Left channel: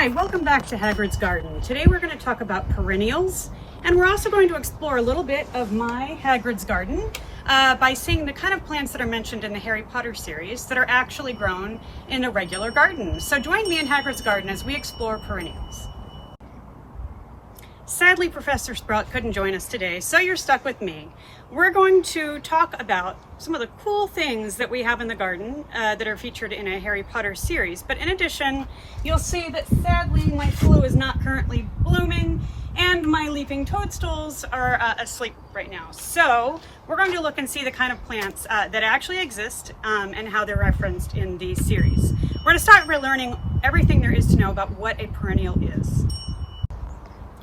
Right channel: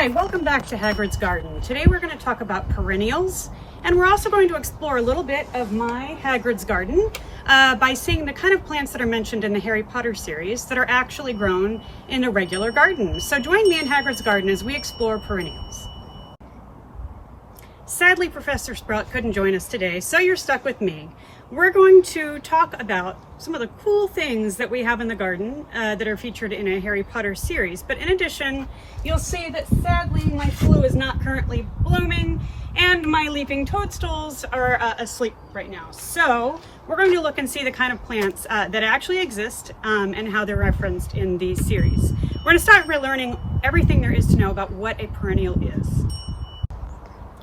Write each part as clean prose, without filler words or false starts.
Hi, welcome back to Hagrid's Garden. Today we're going to talk about perennials, and we're also going to explore a little bit of my Hagrid's Garden by seeing the kind of plants that are mentioned in the Harry Potter series that are actually grown in a regular garden. So join me in Hagrid's Garden as we explore perennials. Sadly, Professor Sprout couldn't join us today, so you're stuck with me. We're going to talk about some of the cool things that we have in the garden that are featured in a Harry Potter series. But in addition, you'll see that sadly my flu is not currently blooming and my leaping toadstools are asleep right now. So we're going to look and see the kind of plants that actually exist and how they're referenced in these series. We're going to start by learning everything there is to know about what a perennial is.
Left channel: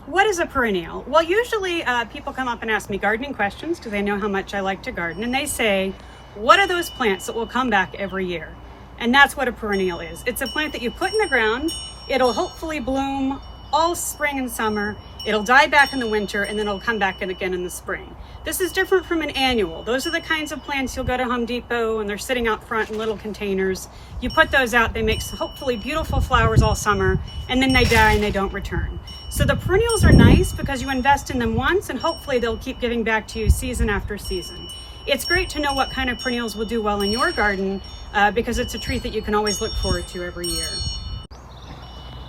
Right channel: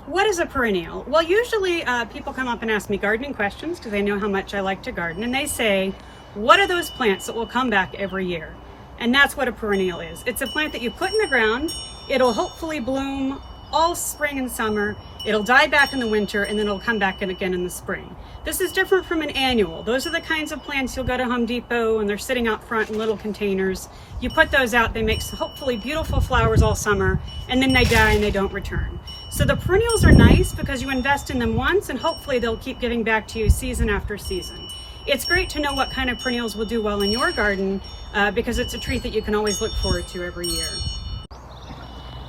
What is a perennial? Well, usually people come up and ask me gardening questions because they know how much I like to garden, and they say, what are those plants that will come back every year? And that's what a perennial is. It's a plant that you put in the ground, it'll hopefully bloom all spring and summer, it'll die back in the winter, and then it'll come back in again in the spring. This is different from an annual. Those are the kinds of plants you'll go to Home Depot and they're sitting out front in little containers. You put those out, they make hopefully beautiful flowers all summer, and then they die and they don't return. So the perennials are nice because you invest in them once and hopefully they'll keep giving back to you season after season. It's great to know what kind of perennials will do well in your garden because it's a treat that you can always look forward to every year.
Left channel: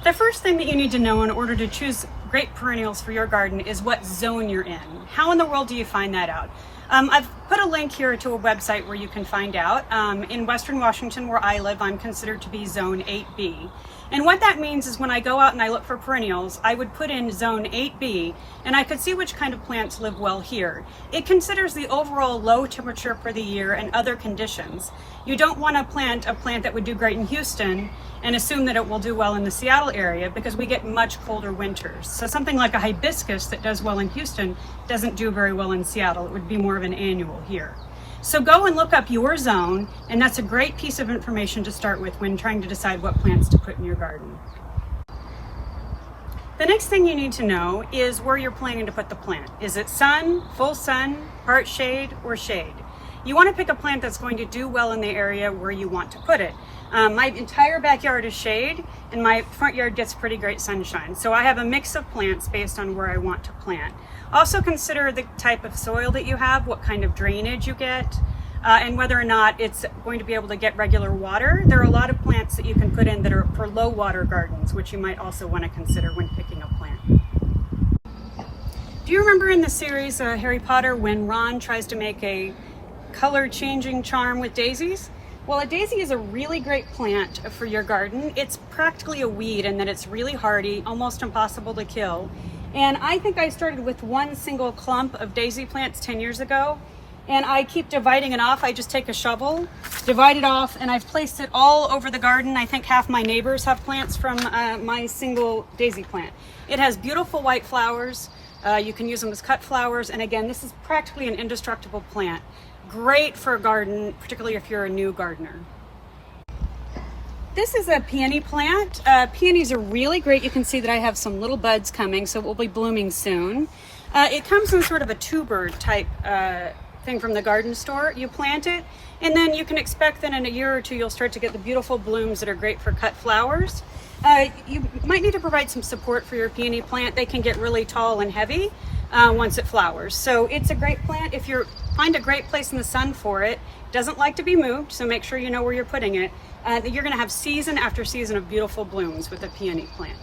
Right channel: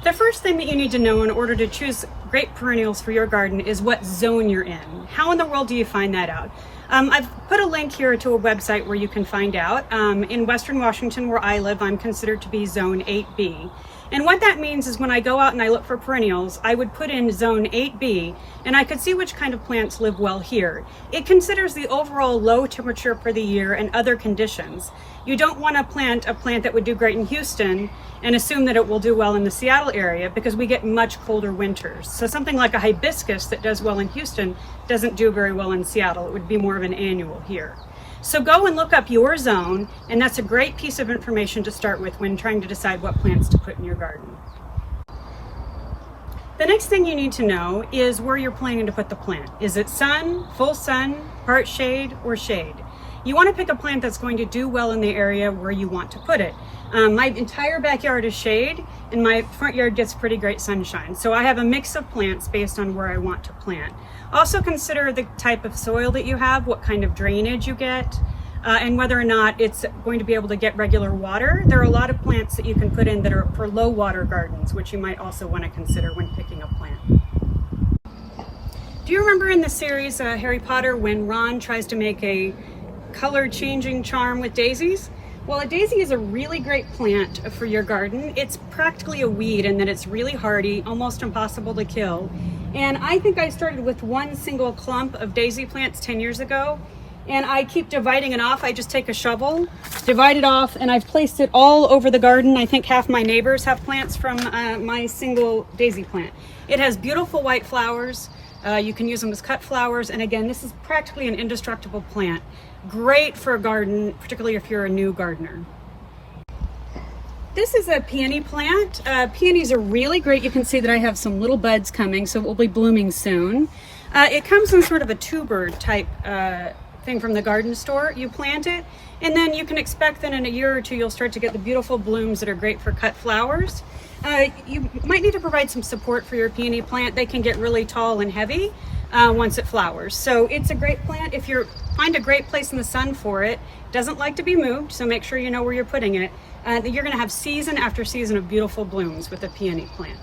The first thing that you need to know in order to choose great perennials for your garden is what zone you're in. How in the world do you find that out? I've put a link here to a website where you can find out. In Western Washington, where I live, I'm considered to be Zone 8B. And what that means is when I go out and I look for perennials, I would put in Zone 8B and I could see which kind of plants live well here. It considers the overall low temperature for the year and other conditions. You don't want to plant a plant that would do great in Houston and assume that it will do well in the Seattle area because we get much colder winters. So something like a hibiscus that does well in Houston doesn't do very well in Seattle. It would be more of an annual here. So go and look up your zone, and that's a great piece of information to start with when trying to decide what plants to put in your garden. The next thing you need to know is where you're planning to put the plant. Is it sun, full sun, part shade, or shade? You want to pick a plant that's going to do well in the area where you want to put it. My entire backyard is shade and my front yard gets pretty great sunshine. So I have a mix of plants based on where I want to plant. Also consider the type of soil that you have, what kind of drainage you get, and whether or not it's going to be able to get regular water. There are a lot of plants that you can put in that are for low water gardens, which you might also want to consider when picking a plant. Do you remember in the series Harry Potter when Ron tries to make a color changing charm with daisies? Well, a daisy is a really great plant for your garden. It's practically a weed in that it's really hardy, almost impossible to kill. And I think I started with one single clump of daisy plants 10 years ago, and I keep dividing it off. I just take a shovel, divide it off, and I've placed it all over the garden. I think half my neighbors have plants from my single daisy plant. It has beautiful white flowers. You can use them as cut flowers, and again, this is practically an indestructible plant. Great for a garden, particularly if you're a new gardener. This is a peony plant. Peonies are really great. You can see that I have some little buds coming, so it will be blooming soon. It comes in sort of a tuber type thing from the garden store. You plant it, and then you can expect that in a year or two you'll start to get the beautiful blooms that are great for cut flowers. You might need to provide some support for your peony plant. They can get really tall and heavy once it flowers. So it's a great plant if you find a great place in the sun for it. It doesn't like to be moved, so make sure you know where you're putting it. You're going to have season after season of beautiful blooms with a peony plant.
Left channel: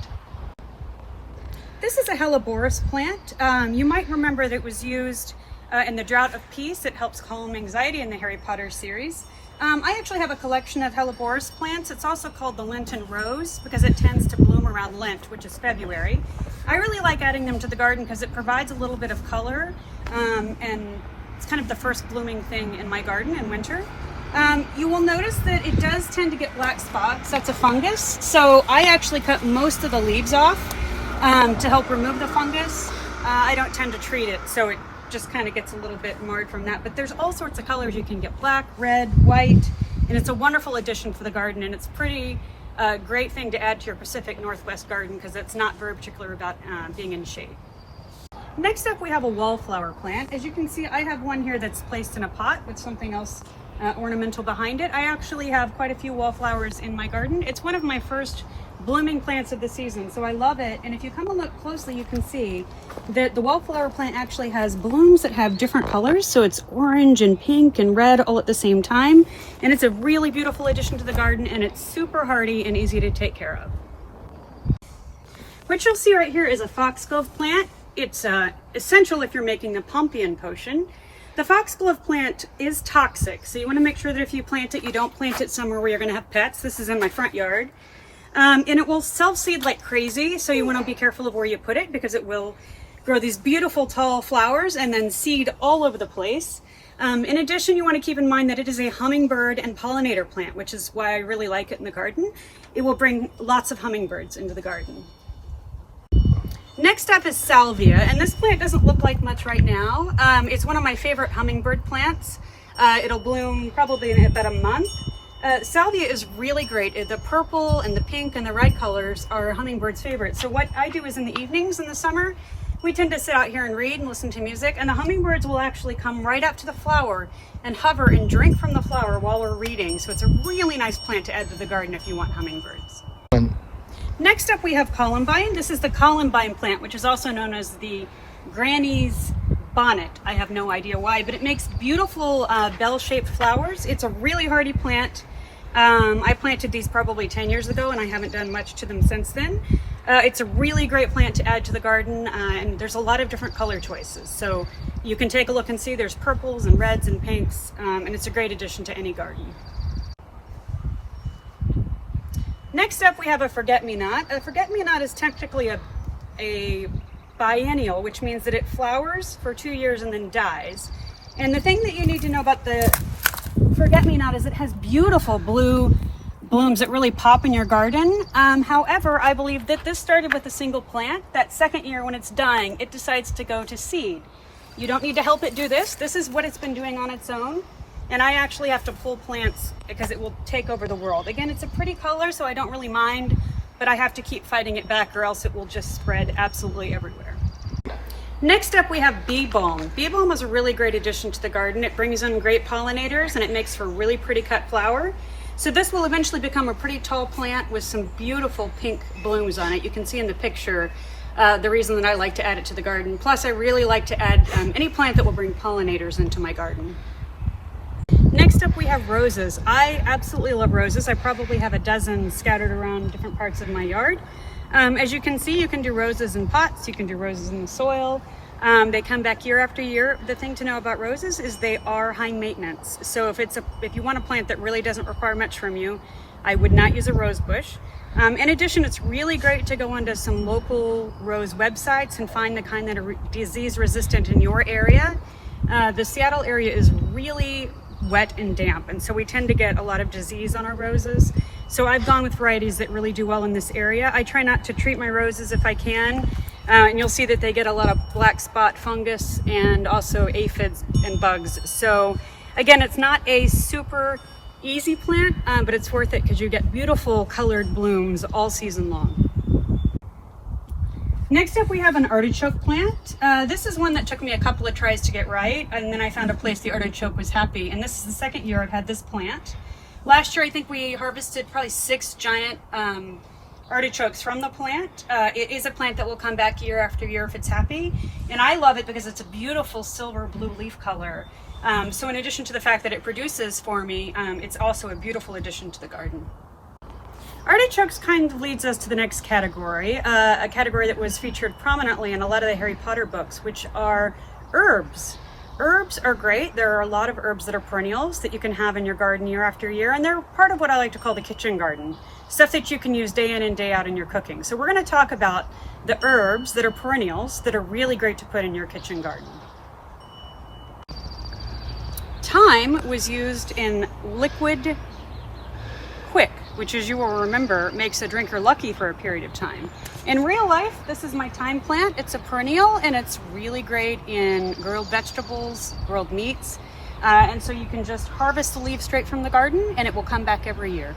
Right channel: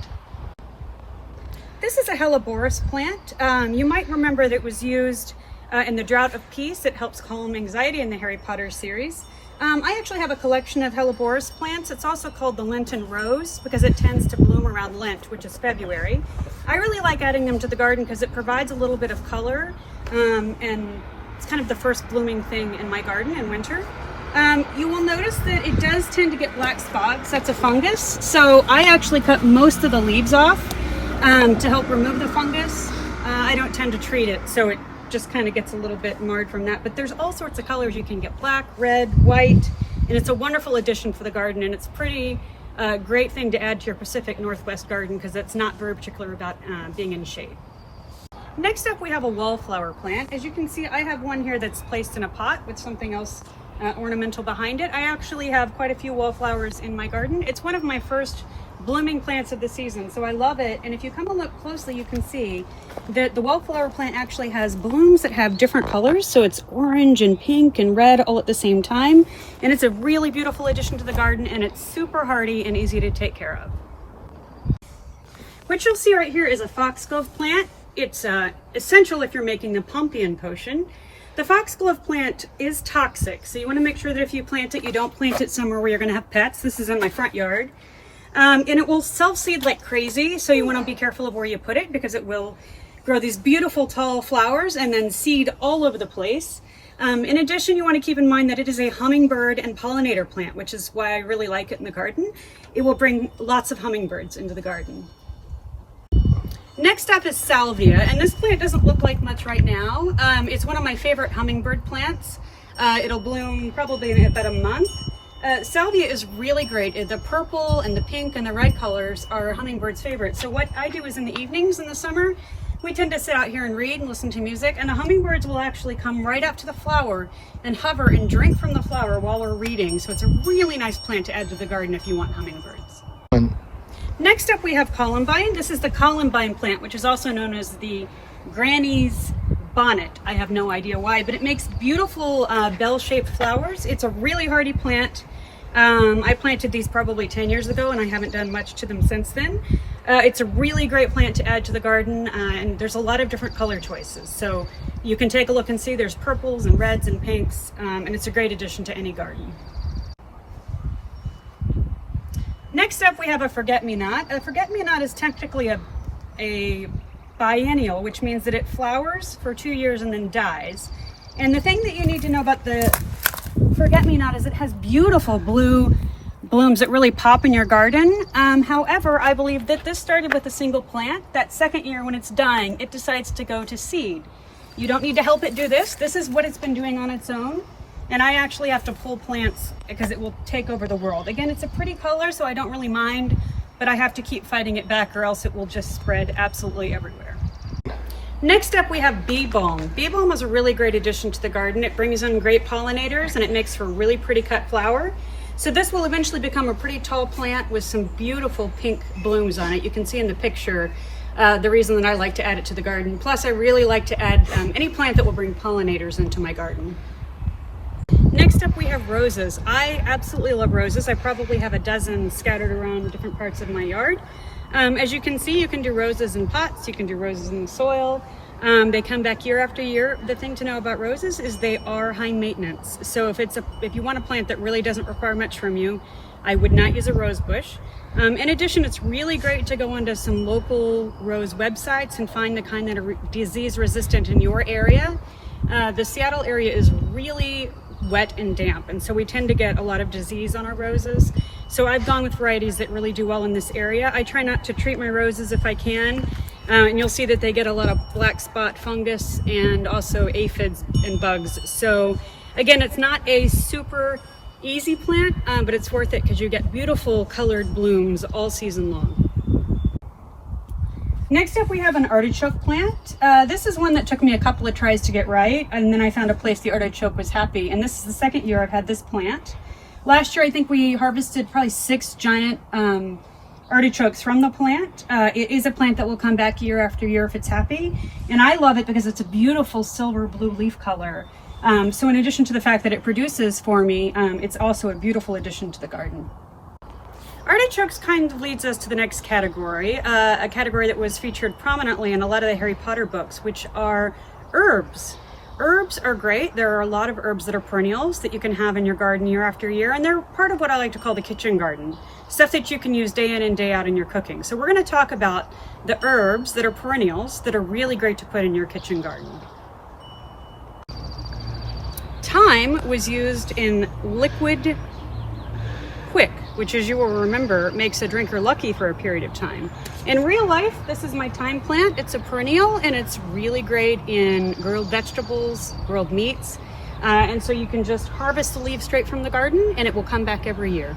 This is a Helleborus plant. You might remember that it was used in the Drought of Peace. It helps calm anxiety in the Harry Potter series. I actually have a collection of Helleborus plants. It's also called the Lenten Rose because it tends to bloom around Lent, which is February. I really like adding them to the garden because it provides a little bit of color and it's kind of the first blooming thing in my garden in winter. You will notice that it does tend to get black spots. That's a fungus. So I actually cut most of the leaves off to help remove the fungus. I don't tend to treat it, so it just kind of gets a little bit marred from that. But there's all sorts of colors. You can get black, red, white, and it's a wonderful addition for the garden. And it's pretty great thing to add to your Pacific Northwest garden because it's not very particular about being in shade. Next up, we have a wallflower plant. As you can see, I have one here that's placed in a pot with something else ornamental behind it. I actually have quite a few wallflowers in my garden. It's one of my first blooming plants of the season, so I love it. And if you come and look closely, you can see that the wallflower plant actually has blooms that have different colors. So it's orange and pink and red all at the same time. And it's a really beautiful addition to the garden, and it's super hardy and easy to take care of. What you'll see right here is a foxglove plant. It's essential if you're making the Pompion potion. The foxglove plant is toxic, so you want to make sure that if you plant it, you don't plant it somewhere where you're going to have pets. This is in my front yard. And it will self-seed like crazy, so you want to be careful of where you put it because it will grow these beautiful tall flowers and then seed all over the place. In addition, you want to keep in mind that it is a hummingbird and pollinator plant, which is why I really like it in the garden. It will bring lots of hummingbirds into the garden. Next up is salvia, and this plant doesn't look like much right now. It's one of my favorite hummingbird plants. It'll bloom probably in about a month. Salvia is really great. The purple and the pink and the red colors are hummingbirds' favorites. So what I do is in the evenings in the summer, we tend to sit out here and read and listen to music, and the hummingbirds will actually come right up to the flower and hover and drink from the flower while we're reading. So it's a really nice plant to add to the garden if you want hummingbirds. Next up we have columbine. This is the columbine plant, which is also known as the granny's bonnet. I have no idea why, but it makes beautiful bell-shaped flowers. It's a really hardy plant. I planted these probably 10 years ago and I haven't done much to them since then. It's a really great plant to add to the garden, and there's a lot of different color choices. So you can take a look and see there's purples and reds and pinks, and it's a great addition to any garden. Next up we have a forget-me-not. A forget-me-not is technically a biennial, which means that it flowers for 2 years and then dies. And the thing that you need to know about the forget-me-not is it has beautiful blue blooms that really pop in your garden. However, I believe that this started with a single plant. That second year when it's dying, it decides to go to seed. You don't need to help it do this. This is what it's been doing on its own. And I actually have to pull plants because it will take over the world. Again, it's a pretty color, so I don't really mind, but I have to keep fighting it back or else it will just spread absolutely everywhere. Next up we have bee balm. Bee balm is a really great addition to the garden. It brings in great pollinators and it makes for a really pretty cut flower. So this will eventually become a pretty tall plant with some beautiful pink blooms on it. You can see in the picture the reason that I like to add it to the garden. Plus I really like to add any plant that will bring pollinators into my garden. Next up we have roses. I absolutely love roses. I probably have a dozen scattered around different parts of my yard. As you can see, you can do roses in pots, you can do roses in the soil. They come back year after year. The thing to know about roses is they are high maintenance. So if you want a plant that really doesn't require much from you, I would not use a rose bush. In addition, it's really great to go onto some local rose websites and find the kind that are disease resistant in your area. The Seattle area is really wet and damp, and so we tend to get a lot of disease on our roses. So I've gone with varieties that really do well in this area. I try not to treat my roses if I can, and you'll see that they get a lot of black spot fungus and also aphids and bugs. So again, it's not a super easy plant, but it's worth it because you get beautiful colored blooms all season long. Next up we have an artichoke plant. This is one that took me a couple of tries to get right, and then I found a place the artichoke was happy, and this is the second year I've had this plant. Last year I think we harvested probably 6 giant artichokes from the plant. It is a plant that will come back year after year if it's happy, and I love it because it's a beautiful silver blue leaf color. So in addition to the fact that it produces for me, it's also a beautiful addition to the garden. Artichokes kind of leads us to the next category, a category that was featured prominently in a lot of the Harry Potter books, which are herbs. Herbs are great. There are a lot of herbs that are perennials that you can have in your garden year after year, and they're part of what I like to call the kitchen garden, stuff that you can use day in and day out in your cooking. So we're going to talk about the herbs that are perennials that are really great to put in your kitchen garden. Thyme was used in liquid quick, which, as you will remember, makes a drinker lucky for a period of time. In real life, this is my thyme plant. It's a perennial and it's really great in grilled vegetables, grilled meats. And so you can just harvest the leaves straight from the garden and it will come back every year.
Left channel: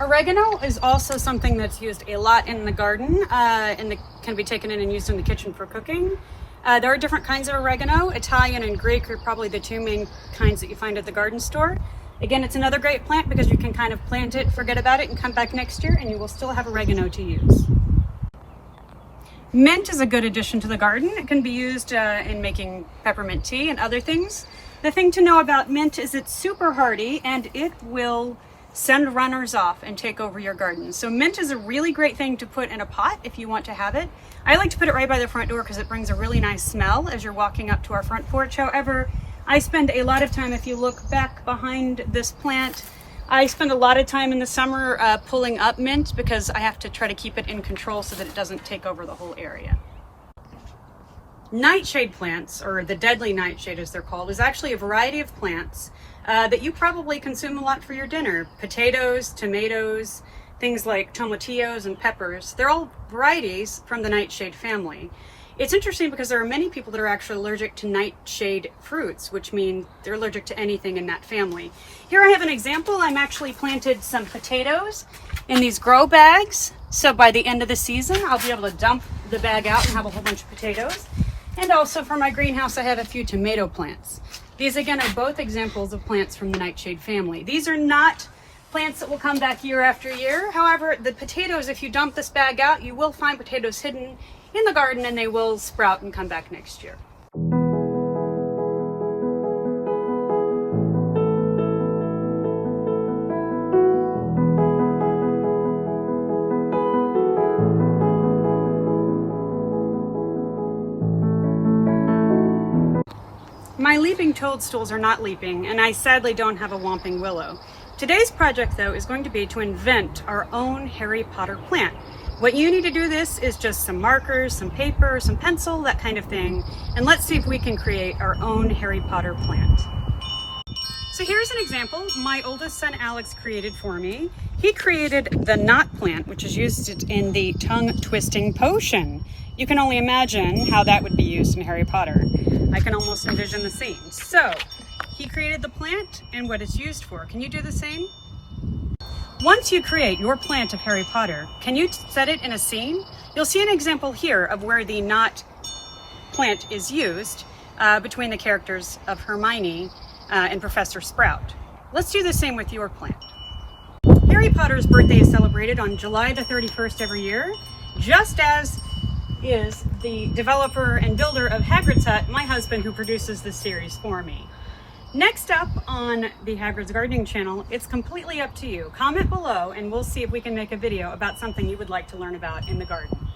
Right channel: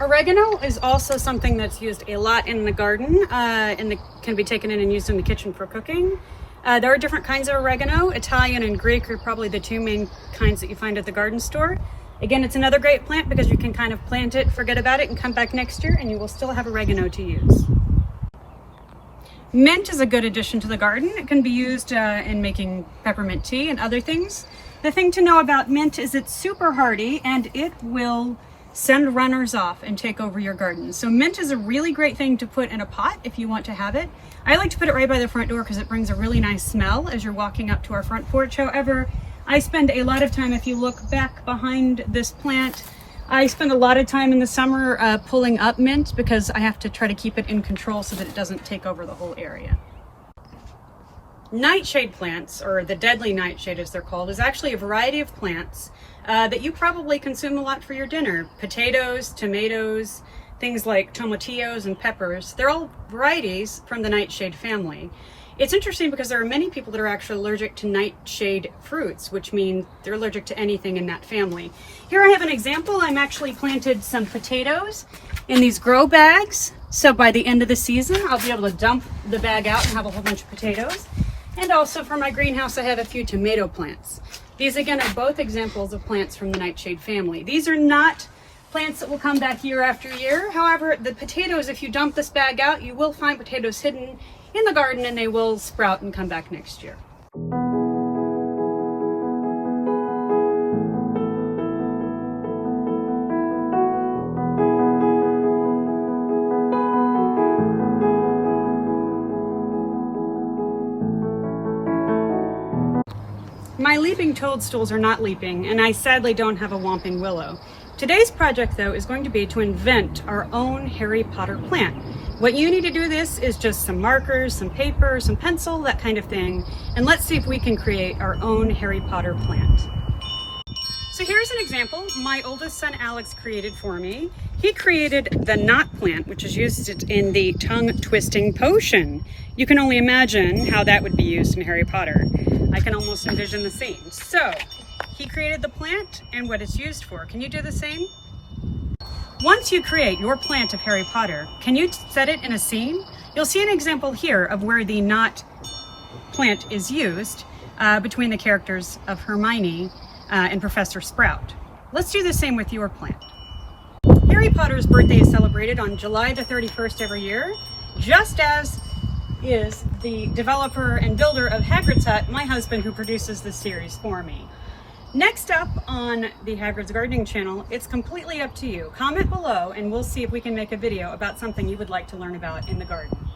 Oregano is also something that's used a lot in the garden and can be taken in and used in the kitchen for cooking. There are different kinds of oregano. Italian and Greek are probably the two main kinds that you find at the garden store. Again, it's another great plant because you can kind of plant it, forget about it, and come back next year and you will still have oregano to use. Mint is a good addition to the garden. It can be used in making peppermint tea and other things. The thing to know about mint is it's super hardy and it will send runners off and take over your garden. So mint is a really great thing to put in a pot if you want to have it. I like to put it right by the front door because it brings a really nice smell as you're walking up to our front porch. However, I spend a lot of time, if you look back behind this plant, I spend a lot of time in the summer pulling up mint because I have to try to keep it in control so that it doesn't take over the whole area. Nightshade plants, or the deadly nightshade as they're called, is actually a variety of plants that you probably consume a lot for your dinner. Potatoes, tomatoes, things like tomatillos and peppers. They're all varieties from the nightshade family. It's interesting because there are many people that are actually allergic to nightshade fruits, which means they're allergic to anything in that family. Here I have an example. I'm actually planted some potatoes in these grow bags. So by the end of the season, I'll be able to dump the bag out and have a whole bunch of potatoes. And also for my greenhouse, I have a few tomato plants. These again are both examples of plants from the nightshade family. These are not plants that will come back year after year. However, the potatoes, if you dump this bag out, you will find potatoes hidden in the garden and they will sprout and come back next year. My leaping toadstools are not leaping, and I sadly don't have a whomping willow. Today's project, though, is going to be to invent our own Harry Potter plant. What you need to do this is just some markers, some paper, some pencil, that kind of thing, and let's see if we can create our own Harry Potter plant. So here's an example my oldest son Alex created for me. He created the knot plant, which is used in the tongue twisting potion. You can only imagine how that would be used in Harry Potter. I can almost envision the scene. So he created the plant and what it's used for. Can you do the same? Once you create your plant of Harry Potter, can you set it in a scene? You'll see an example here of where the knot plant is used between the characters of Hermione and Professor Sprout. Let's do the same with your plant. Harry Potter's birthday is celebrated on July the 31st every year, just as is the developer and builder of Hagrid's Hut, my husband, who produces this series for me. Next up on the Hagrid's Gardening channel, it's completely up to you. Comment below and we'll see if we can make a video about something you would like to learn about in the garden.